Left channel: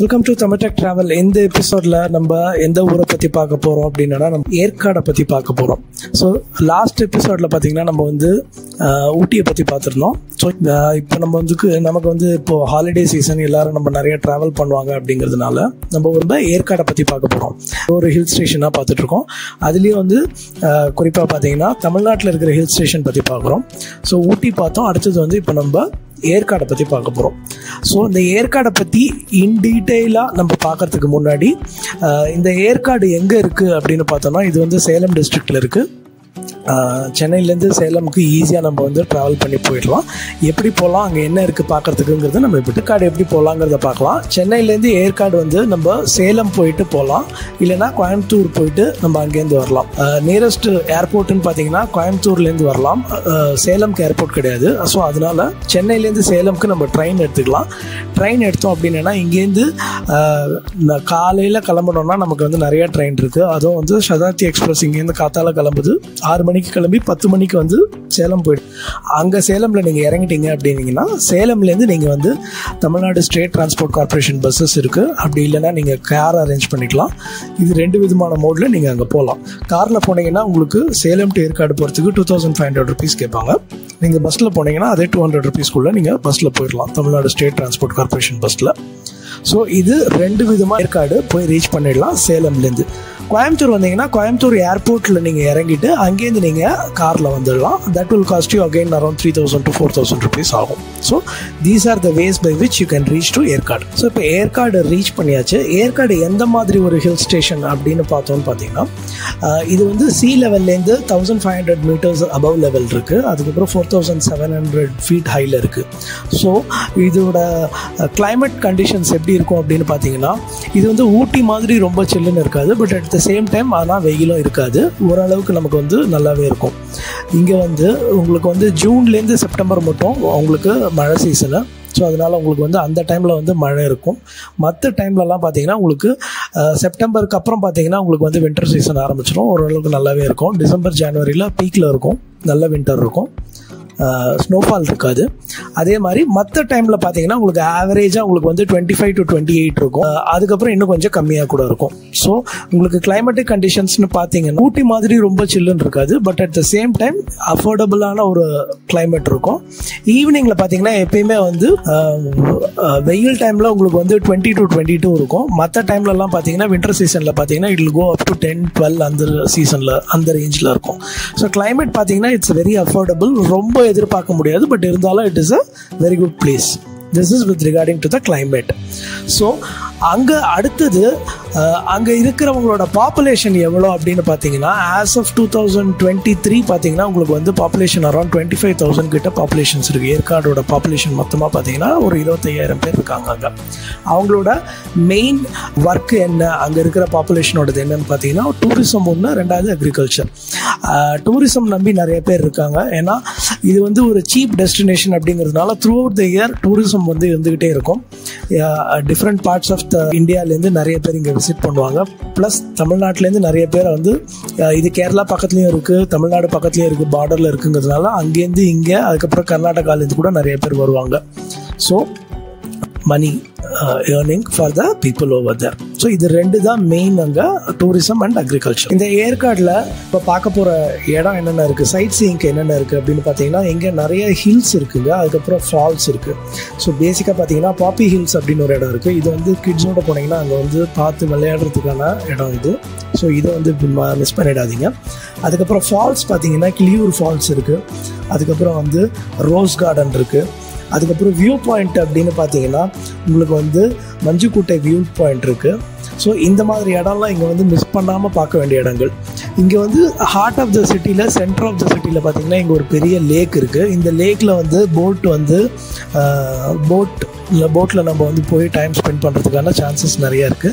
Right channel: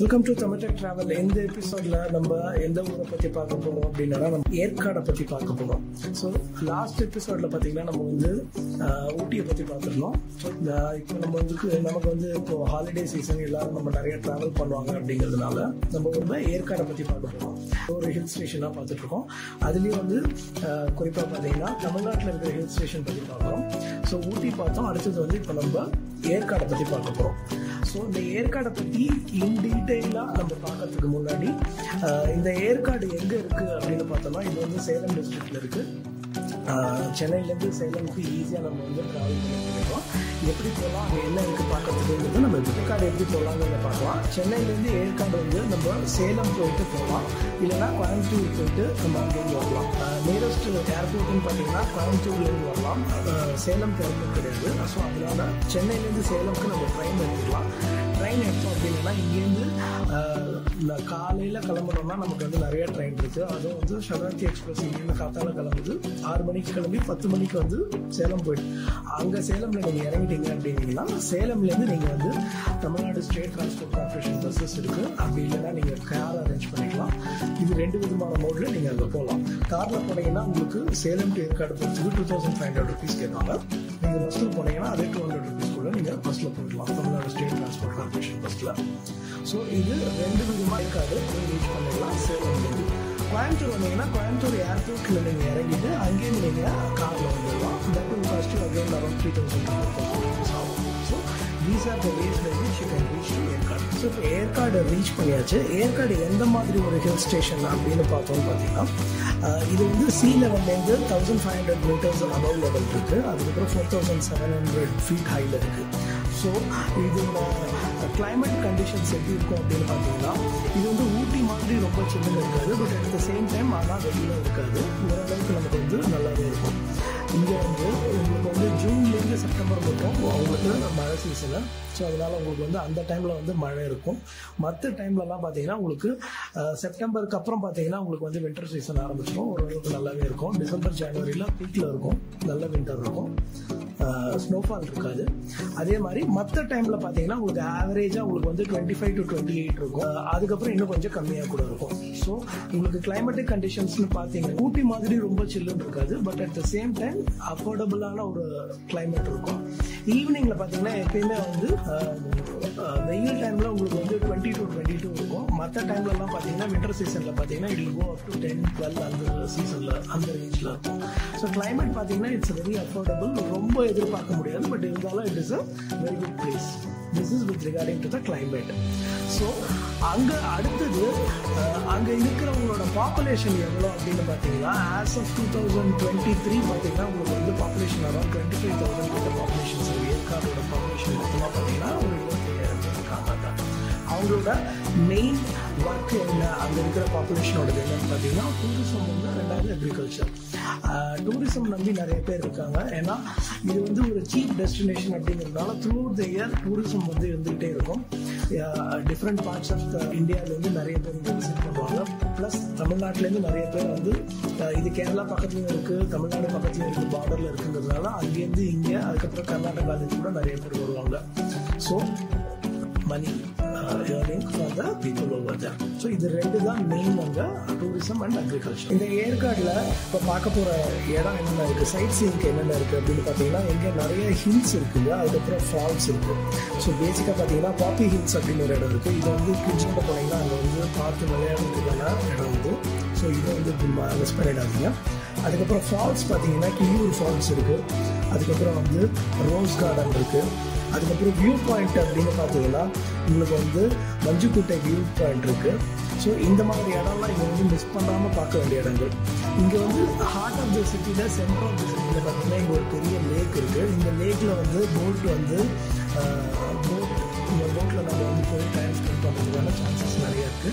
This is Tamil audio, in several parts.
Welcome to Tamil Tech travel. இந்த எபிசோடில் நம்ம எந்த ஊரை பற்றி பார்க்க போகிறோம் அப்படின்னா நம்ம ஏற்காடை பற்றி பார்க்க போகிறோம். ஸோ லாஸ்ட் எபிசோடில் பார்த்திங்கன்னா நம்ம வந்து ஊட்டியை பற்றி பார்த்துருந்தோம். ஸோ இப்போ நமக்கு வந்து இப்போது ஹாலிடே சீசன், எல்லோரும் நம்ம நிறைய ட்ராவல் பண்ணுவாங்க அப்படிங்கிறதுனால நம்ம ஒரு ஏற்காடை பற்றி பார்க்க போகிறோம். ஒரு ஹில் ஸ்டேஷனாக பார்த்துட்ருக்கோம். அதுலேயும் வந்து குறிப்பாக பார்த்திங்கன்னா தமிழ்நாட்டில் இருக்கிற ஹில் ஸ்டேஷன் பற்றி பார்க்குறோம். ஸோ ஊட்டி பார்த்தோம். அடுத்தது வந்து இப்போ நம்ம ஏற்காடை பற்றி பார்க்க போகிறோம். ஸோ இந்த ஏற்காடை பற்றி இன் டீட்டெயிலாக நம்ம பார்க்கறதுக்கு முன்னாடி இந்த ஏற்காடு எங்கே இருக்குது அப்படின்னு பார்த்தோம்னா, இது வந்து சேலம் டிஸ்ட்ரிக்டில் இருக்குது. சென்னையிலேருந்து சேலமுக்கு ஈஸியாக நம்ம வந்து ட்ராவல் பண்ணி போயிடலாம். எப்படி போகலாம், அங்கே என்ன இருக்குது பார்க்குறதுக்குங்கிறது நம்ம ஏற்காடு எப்படி போகலாங்கிறத பார்க்கலாம். சென்னையிலேருந்து ஏற்காடு வந்து நம்ம சேலம் போயிட்டு போகலாம், இல்லைனா கோயம்புத்தூர் போயிட்டு நம்ம அங்கேருந்து வரலாம். நியரஸ்ட் ஏர்போர்ட்டுன்னு பார்த்தீங்கன்னா கோயம்புத்தூர்லேருந்து வரலாம், சேலம்க்கு ஏர்போர்ட் கிடையாது. ஸோ அதனால் சென்னையிலேருந்து சேலமுக்கு நம்ம ட்ரெயின் எடுத்துக்கலாம். ட்ரெயின் எடுத்தோம் அப்படின்னா இங்கேருந்து காலையில் கிளம்புனோம்னா நமக்கு வந்து நிறைய ட்ரெயின் இருக்குது. அதுவும் வந்து சதாப்தி எக்ஸ்பிரஸ் இங்கேருந்து காத்தால கிளம்புது. 6 மணிக்கு கிளம்பி 10 மணிக்கு வந்து சேலம் போய்டும். அங்கே சேலமில் நீங்கள் இறங்கிட்டீங்க அப்படின்னீங்கன்னா சேலம்லேருந்து நீங்கள் வந்து Tamil Nadu state transport corporation buses இருக்குது. அப்படி இல்லைன்னா நீங்கள் கார் அரேஞ்ச் பண்ணிக்கலாம். இது 2 விதமான மோடில் நீங்கள் அங்கே போகலாம். காரில் போனீங்கன்னா உங்களுக்கு சேலம் டு ஏற்காடு போகிறதுக்கு 2500 rupees கேட்பாங்க. நீங்கள் பஸ்ஸில் போனீங்கன்னா அதே 200 rupeesக்குள்ளே நீங்கள் பஸ்ஸில் போயிடலாம், தமிழ்நாடு ஸ்டேட் டிரான்ஸ்போர்ட் கார்பரேஷன் பஸ்ஸில். ஸோ இது 2 விதமாக ஏற்காடு போய் ரீச் பண்ணிடலாம் சேலம்லேருந்து. கோயம்புத்தூர் வந்தீங்கன்னா கோயம்புத்தூர் ஏர்போர்ட்டில் நீங்கள் இறங்கிட்டு அங்கேருந்து நீங்கள் காரில் வந்துடலாம். That will cost you again around 3000 to 4000 rupees ஆகும். So these are the ways by which you can reach to Yercaud. ஸோ இப்போ ஏற்காடு ரீச் பண்ணியாச்சு. ஏற்காடு எந்த மாதிரி ஒரு ஹில் ஸ்டேஷன் அப்படின்னு பார்த்தோன்னு பார்த்தீங்கன்னா, இது வந்து சி லெவல்லேருந்து 1500 meters அபவ் லெவல் இருக்குது. அதுக்கப்புறம் 4700 feet ஹையில் இருக்குது. ஸோ இதோட கிளைமேட் கண்டிஷன்ஸ் எப்படி இருக்கும் அப்படின்னு பார்த்தீங்கன்னா, இது வந்து ஊட்டி மாதிரி ரொம்ப சில்லுன்னு இருக்காது, but at the same time ஆனால் வெயிலும் இருக்காது. ஓரளவுக்கு நமக்கு வந்து நல்லாவே இருக்கும். இங்கே வந்து உங்களுக்கு வந்து ஜூன்லேருந்து செப்டம்பர் மட்டும் உங்களுக்கு மழை சீசனு. ஸோ அதனால் உங்களுக்கு வந்து அந்த டைமில் வந்து மழை இருக்கும். மற்ற டைம்லலாம் பார்த்தீங்கன்னா உங்களுக்கு செப்டம்பருக்கு அப்புறம் பார்த்தீங்கன்னா உங்களுக்கு வந்து வின்டர் சீசன் ஆரம்பிச்சிடும். ஓரளவுக்கு நல்லாவே இருக்கும். டிசம்பர் ஜனவரியில் பீக்கில் இருக்கும், நல்ல வின்டர் இருக்கும், ஸ்னோஃபால் இருக்காது. அதே மாதிரி மற்ற டைமில் பார்த்தீங்கன்னா உங்களுக்கு ஆவரேஜாக உங்களுக்கு வந்து 25 to 28 இருக்கும். அதுக்கப்புறம் இன்னும் கொஞ்சம் கம்மியாக கூட இருக்கும். ஸோ உங்களுக்கு கிளைமேட்டிக் கண்டிஷன்ஸ்னு பார்த்தீங்கன்னா ஊட்டி மாதிரி ரொம்ப சில்லுன்னு இருக்காது, but at the same time அஃபோர்டபுளான ஒரு கிளைமேட் இருக்கும். ஈவினிங்கில் பார்த்தீங்கன்னா எப்பயுமே வந்து வெயில் டைமில் உங்களுக்கு வந்து 20 to 22 இருக்கும். மற்ற டைம்லலாம் பார்த்தீங்கன்னா வின்டர் சீசனில் பார்த்தீங்கன்னா it will go up to 10, 12 அந்த சீசனில் அந்த ரேஞ்சில் இருக்கும். ஸோ கிளைமேட் பார்த்தீங்கன்னா இட்ஸ் வெரி அஃபோர்டபுள். ரொம்ப எதிர்பார்க்க முடியாது, பட் இருந்தாலும் it is a very good place. This is with regarding to the climate. So அங்கே அடுத்தது அங்கே இருக்கிறவங்களோட பாப்புலேஷன் எவ்வளோ அப்படின்னு பார்த்தீங்கன்னா, ஆஸ் ஆஃப் 2023 பார்த்தீங்கன்னா உங்களுக்கு வந்து பாப்புலேஷன் அரௌண்ட் 25,000 கிட்ட பாப்புலேஷன்ஸ் இருக்குது. ஏற்காடோட பாப்புலேஷன் மொத்தமாக பார்த்தீங்கன்னா ஒரு 25,000 பேர் இருக்காங்க அங்கே. அவங்களோட மெயின் ஒர்க் என்ன, அங்கே இருக்கிற பாப்புலேஷனோடது என்னன்னு பார்த்தீங்கன்னா டூரிசம் ஒன்று, 2வது அக்ரிகல்ச்சர். டூரிசம் நம்பி நிறைய பேர் இருக்காங்க. ஏன்னா இது வந்து ஒரு சீப் டெஸ்டினேஷன் அப்படிங்கிறதுனால through out the year tourism வந்து இருந்துக்கிட்டே இருக்கும். டிஃப்ரெண்ட் பார்ட்ஸ் ஆஃப் த இந்தியாவிலேருந்து நிறைய பேர் இங்கே விசிட் பண்ணுவாங்க. ப்ளஸ் தமிழ்நாட்டிலேருந்து நிறைய பேர் வந்து இது கேரளா பக்கத்துலேயும் இருக்குது, தமிழ்நாடு பக்கத்துலேயும் இருக்குது, பார்டரில் இருக்குங்கிறதுனால அங்கேருந்து இங்கே, அதுக்கப்புறம் கர்நாடகாலேருந்து கூட நிறைய பேர் வருவாங்க. So money earning for the people over there. So இது 2 தான் மெயின் அங்கே, டூரிசம் அண்ட் அக்ரிகல்ச்சர். இந்த ஏற்காடில் இப்போ பார்க்க போகிற இடம் என்னென்ன இருக்குது, சைட் சீயிங்க்கு என்னென்ன இருக்குது அப்படின்னு பார்த்தீங்கன்னா, இங்கே நிறைய ஹில்ஸ் இருக்குங்க, அதுக்கப்புறம் ஃபால்ஸ் இருக்குது. ஸோ பேசிக்காக பார்த்தீங்கன்னா பாப்பி ஹில்ஸ் அப்படின்னு ஒரு இடம் இருக்குது. இது வந்து கிட்ஸோட போனீங்கன்னா அங்கே வந்து பார்த்து விளையாடுறதுக்கான இடம் வந்து. ஸோ இதை வந்து மிஸ் பண்ணிடாதீங்க. அதுக்கப்புறம் ஃபால்ஸ் பார்த்தீங்கன்னா கிளியூர் ஃபால்ஸ் இருக்குது. அதுக்கப்புறம் வந்து ரோஸ் கார்டன் இருக்குது. அதுக்கப்புறம் வியூ பாயிண்ட் அப்படின்னு பார்த்தீங்கன்னா உங்களுக்கு வந்து மஞ்சுக்குட்டை வியூ பாயிண்ட் இருக்குது. ஸோ இந்த மாதிரி இடம்லாம் இங்கே வந்து மிஸ் பண்ணாமல் பார்க்க வேண்டிய இடங்கள். இங்கே வந்து ஹார்ட் ஆஃப் த சிட்டியில், சென்டர் ஆஃப் த சிட்டியில் பார்த்தீங்கன்னா இங்கே ஒரு பெரிய லேக் இருக்குது. இந்த லேக்கில் வந்து போட்டில் நம்ம வந்து போய் டைம் ஸ்பெண்ட் பண்ணுறதுக்கான சான்சஸ் நிறையா இருக்குது.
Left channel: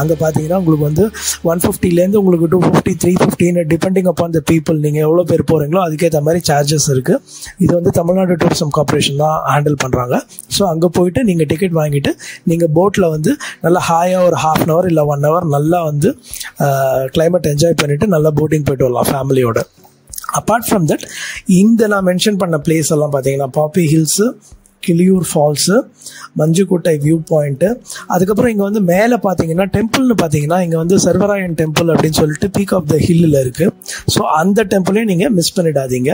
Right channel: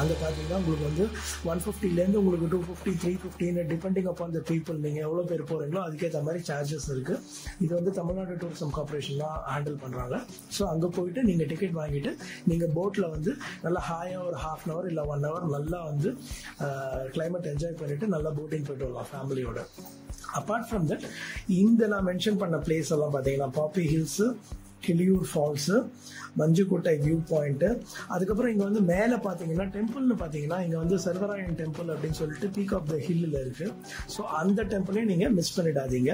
அங்கே பார்த்தீங்கன்னா உங்களுக்கு வந்து 150லேருந்து உங்களுக்கு 250, 350 டிபெண்டிங் அப்பான் த பீப்புள், நீங்கள் எவ்வளோ பேர் போகிறீங்களோ அதுக்கேற்ற மாதிரி சார்ஜஸ் இருக்குது. இது வந்து தமிழ்நாடு டூரிசம் கார்பரேஷன் தான் ஹேண்டில் பண்ணுறாங்க. ஸோ அங்கே போயிட்டு நீங்கள் டிக்கெட் வாங்கிட்டு நீங்கள் போட்டில் வந்து நல்லா ஹாயாக ஒரு 1/2 hour இல்லை 1 hour நல்லா வந்து கிளைமேட் என்ஜாய் பண்ணிவிட்டு நல்லா போட்டிங் போய்ட்டு வரலாம் ஃபேமிலியோட. அப்பார்ட் ஃப்ரம் தட் இந்த நான் மென்ஷன் பண்ண பிளேஸ் எல்லாம் பார்த்தீங்கன்னா Poppy hills, Kiliyur falls, Manjukottai view point. அதுக்கப்புறம் இங்கே வந்து மேலே பார்த்தீங்கன்னா டெம்பிள்னு பார்த்தீங்கன்னா இங்கே வந்து சர்வராயன் டெம்பிள் அப்படின்னு சொல்லிட்டு பீக் ஆஃப் த ஹில்லில் இருக்குது. ஸோ அந்த டெம்பிளையும் நீங்கள் மிஸ் பண்ணிடாதீங்க.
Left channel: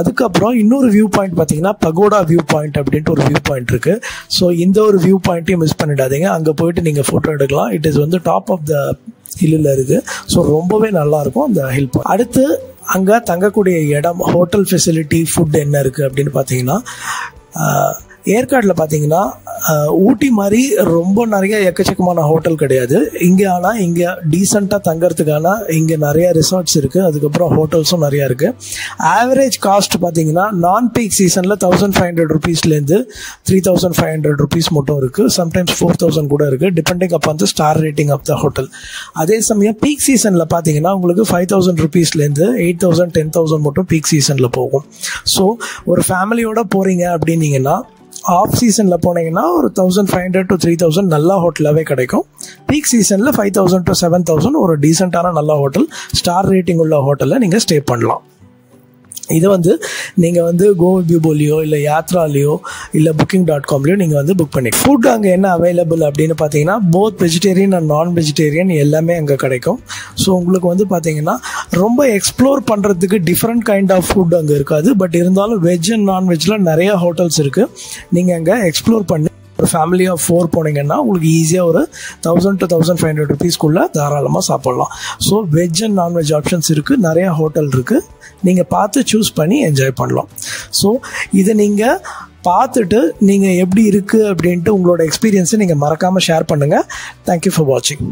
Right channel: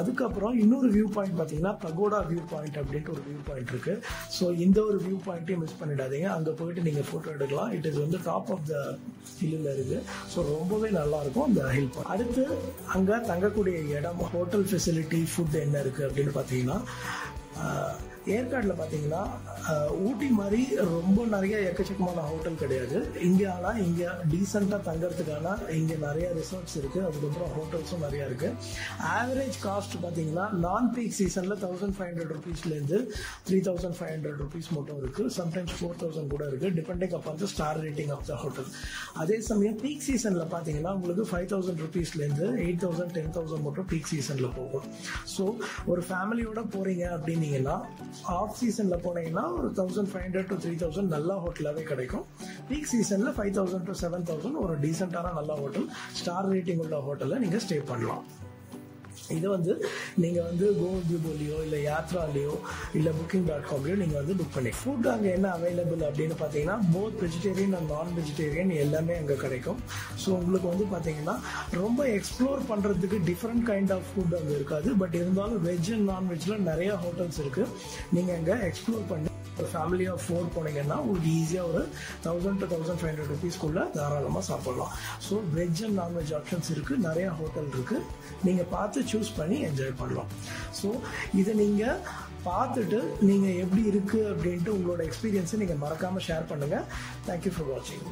அதுக்கப்புறம் இன்னொரு வியூ பாயிண்ட் பார்த்தீங்கன்னா பகோடா வியூ பாயிண்ட் அப்படின்ட்டு ஒரு வியூ பாயிண்ட் இருக்குது. ஸோ இந்த ஒரு வியூ பாயிண்ட்டையும் மிஸ் பண்ணிடாதீங்க. அங்கே போயிட்டு நீங்கள் ஃபோட்டோ எடுக்கலாம். இட் இஸ் வந்து டாப் ஆஃப் த ஹில்லில் இருக்குது. ஸோ ரொம்பவே நல்லாயிருக்கும் அந்த ஹில் பாயிண்ட். அடுத்து அங்கே தங்கக்கூடிய இடம், ஹோட்டல் ஃபெசிலிட்டி, ஃபுட் என்ன இருக்குது அப்படின்னு பார்த்தீங்கன்னா ஏற்காடில் பார்த்தீங்கன்னா ஊட்டி மாதிரி ரொம்ப நிறைய எக்கச்சக்கமான ஹோட்டல் கிடையாது இங்கே. ஆனால் இங்கே டீசெண்டாக தங்கறதுக்கான இங்கே நிறைய ரிசார்ட்ஸ் இருக்குது. அதுக்கப்புறம் ஹோட்டல்ஸும் நிறையா இருக்குது. ஆவரேஜ் காஸ்ட் பார்த்தீங்கன்னா நான் பீக் சீசனில் 1500 rupeesலேருந்து 3500 rupees மட்டும் இருக்குது. சம்டைம்ஸ் 4000 கூட இருக்குது, depending upon the star rating of the hotel. அதே சமயம் பீக் சீசனில் பார்த்தீங்கன்னா உங்களுக்கு 5000 rupeesலேருந்து 8000 10,000 மட்டும் பீக் சீசனில் போகும். ஸோ ஒரு ஃபேமிலியோடு போகிறீங்க அப்படின்னீங்கன்னா ஆஃப் சீசனில் போனீங்கன்னா ஒரு 1500 to 3000 நல்ல ஹோட்டலாகவே கிடைக்கும். பீக் சீசனில் 5000 to 7000 ஒரு டீசெண்டான நல்ல ஹோட்டல், ஸ்டார் ரேட்டிங் உள்ள ஹோட்டலில் நீங்கள் ஸ்டே பண்ணலாம். இதை வந்து நீங்கள் வந்து கோவிபியூபோலையோ இல்லை யாத்ராலேயோ இல்லை booking.comலையோ நீங்கள் வந்து புக் பண்ணி. ஃபுட் அங்கே என்ன அவைலபிள் அப்படின்னு பார்த்தீங்கன்னா போத் வெஜிடேரியன் அண்ட் நான் வெஜிடேரியன் எல்லாமே அங்கே கிடைக்கும். ஸோ உங்களுக்கு வந்து பார்த்தீங்கன்னா ரொம்ப எக்ஸ்ப்ளோர் பண்ணுறதுக்கு டிஃப்ரெண்ட் கைண்ட் ஆஃப் ஃபுட் அங்கே இருக்காது. பட் இருந்தாலும் வெஜ் அண்ட் நான்வெஜ்ஜில் நிறையா ஹோட்டல்ஸ் இருக்குது. நீங்கள் அங்கே எக்ஸ்ப்ளோர் பண்ணி ஒரு ஃபேமிலி ஆஃப் 4 போனீங்கன்னா உங்களுக்கு ஈஸியாக ஒரு 1000 to 1500 rupeesக்குள்ளே தாராளமாக சாப்பிட்லாம். So veg and non veg options இருக்குது, நிறையா ஹோட்டல் இருக்குது. நீங்கள் பார்த்து சூஸ் பண்ணி என்ஜாய் பண்ணலாம். ஸோ இதை நீங்கள் பார்த்துட்டு நீங்கள் எப்படி இருக்குது அப்படின்ட்டு உங்களோட எக்ஸ்பீரியன்ஸை நீங்கள் மறக்காமல் ஷேர் பண்ணுங்கள். தேங்க்யூ ஃபார் வாட்சிங்.